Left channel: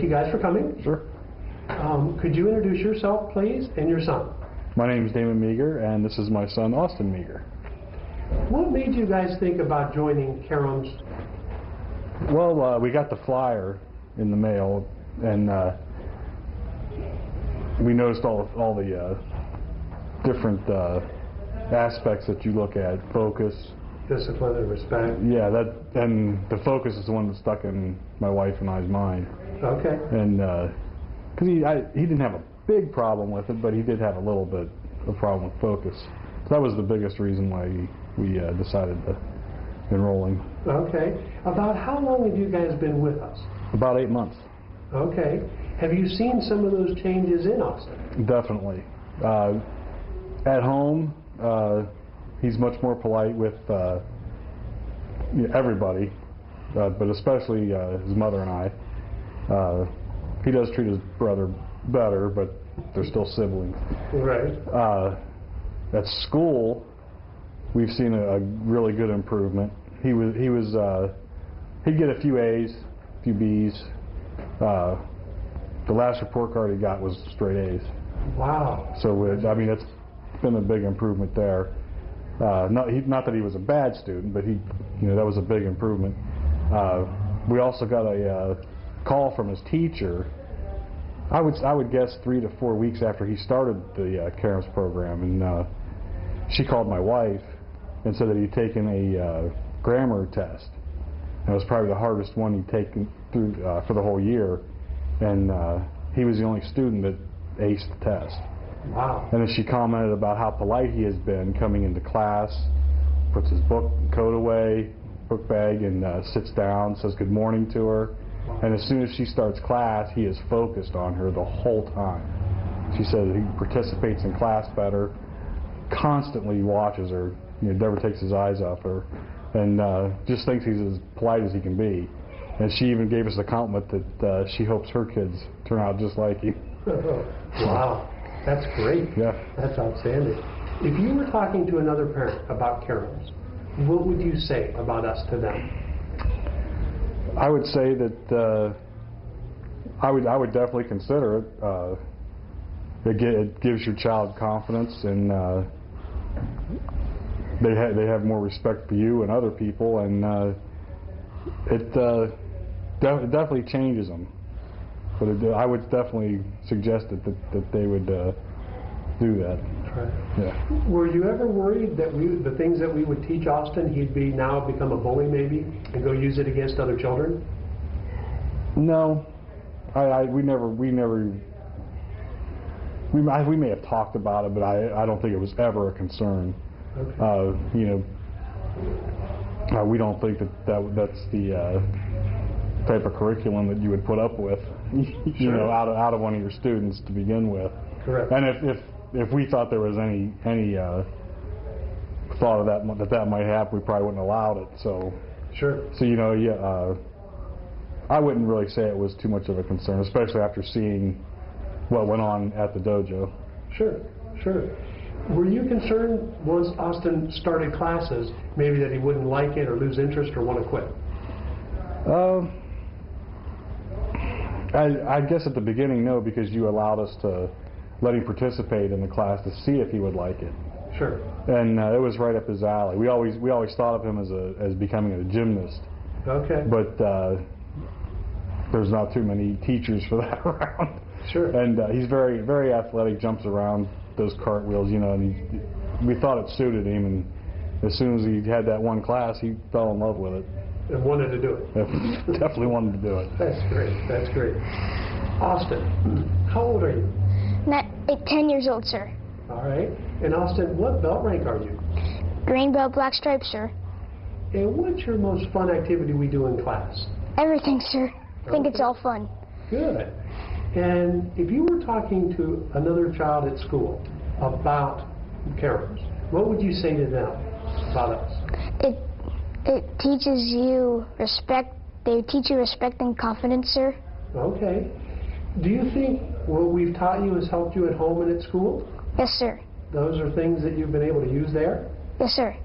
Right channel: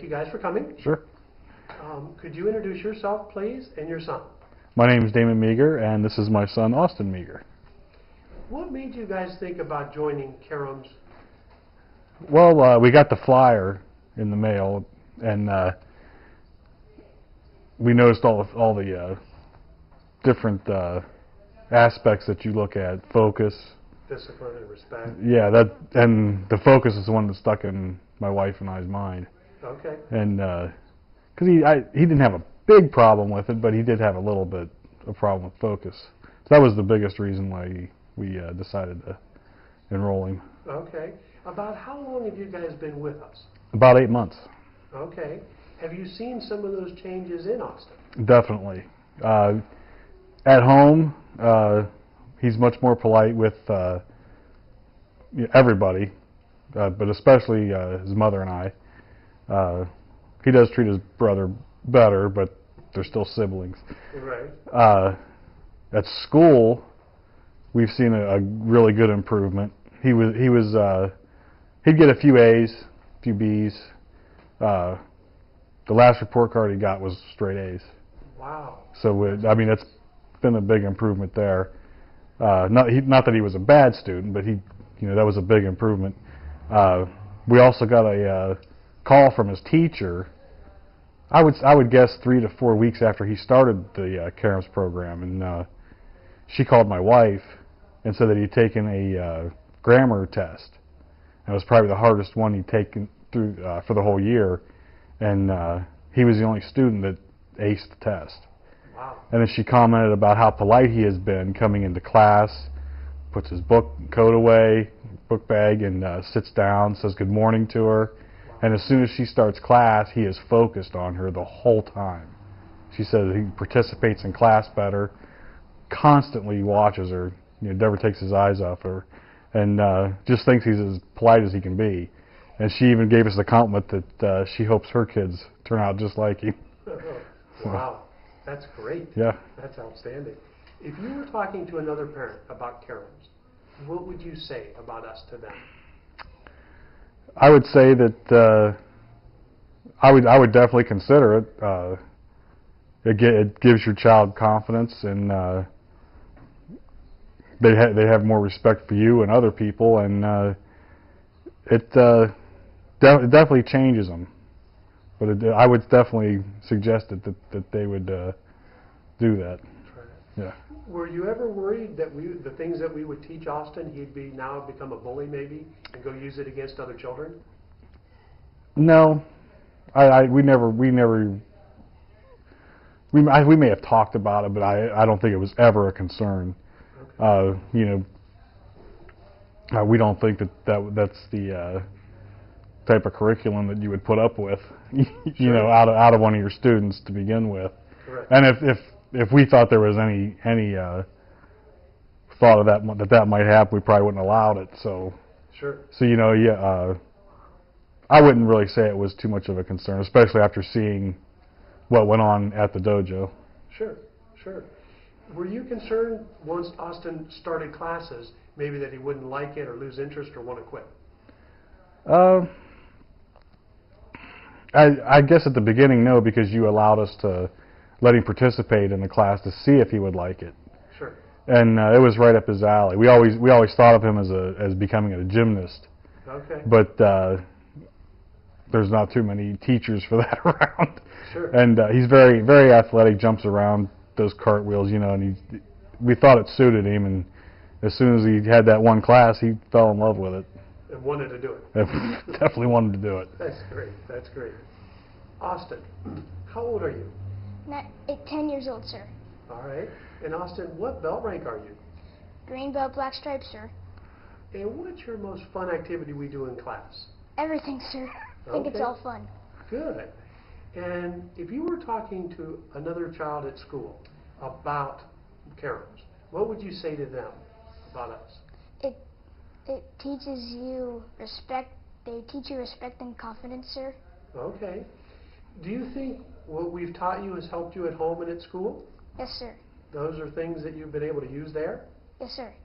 Thank you guys for coming. Sure. Could you introduce yourself, please, and your son? My name is Meager, and this is my son, Austin Meager. What made you guys think about joining Karam's? Well, we got the flyer in the mail, and we noticed all the different aspects that you look at: focus, Discipline and respect. yeah, and the focus is the one that stuck in my wife and I's mind. Okay. And because he didn't have a big problem with it, but he did have a little bit of a problem with focus. So that was the biggest reason why we decided to enrolling. Okay. About how long have you guys been with us? About 8 months. Okay. Have you seen some of those changes in Austin? Definitely. At home, he's much more polite with everybody, but especially his mother and I. He does treat his brother better, but they're still siblings. Right. At school, we've seen a really good improvement. He'd get a few A's, a few B's. The last report card he got was straight A's. Wow. So I mean, it's been a big improvement there. Not that he was a bad student, but that was a big improvement. We also got a call from his teacher. I would guess 3 to 4 weeks after he started the Karam's program, and she called my wife and said that he'd taken a grammar test. And it was probably the hardest one he'd taken through for the whole year, and he was the only student that aced the test. Wow. And then she commented about how polite he has been coming into class, puts his book and coat away, book bag, and sits down, says good morning to her. Wow. And as soon as she starts class, he is focused on her the whole time. She said that he participates in class better, constantly watches her, never takes his eyes off her, and just thinks he's as polite as he can be. And she even gave us the compliment that she hopes her kids turn out just like him. Wow. That's great. Yeah. That's outstanding. If you were talking to another parent about Karam's, what would you say about us to them? I would say that I would definitely consider it. It gives your child confidence, and they have more respect for you and other people, and it definitely changes them. But I would definitely suggest that they would do that. Right. Yeah. Were you ever worried that the things that we would teach Austin, he'd now become a bully maybe and go use it against other children? No, we may have talked about it, but I don't think it was ever a concern. Okay. We don't think that's the type of curriculum that you would put up with, Sure. out of one of your students to begin with. Correct. And if we thought there was any thought of that might happen, we probably wouldn't have allowed it. So Sure. I wouldn't really say it was too much of a concern, especially after seeing what went on at the dojo. Sure. Sure. Were you concerned once Austin started classes, maybe that he wouldn't like it or lose interest or want to quit? I guess at the beginning, no, because you allowed us to let him participate in the class to see if he would like it. Sure. And it was right up his alley. We always thought of him as becoming a gymnast. Okay. But there's not too many teachers for that around. Sure. And he's very, very athletic, jumps around, does cartwheels, and we thought it suited him, and as soon as he had that one class, he fell in love with it. And wanted to do it. Definitely wanted to do it. That's great. That's great. Austin, how old are you? 10 years old, sir. All right. And Austin, what belt rank are you? Green belt, black stripe, sir. And what's your most fun activity we do in class? Everything, sir. I think it's Okay. all fun. Good. And if you were talking to another child at school about Karam's, what would you say to them about us? It teaches you respect. They teach you respect and confidence, sir. Okay. Do you think what we've taught you has helped you at home and at school? Yes, sir. Those are things that you've been able to use there? Yes, sir.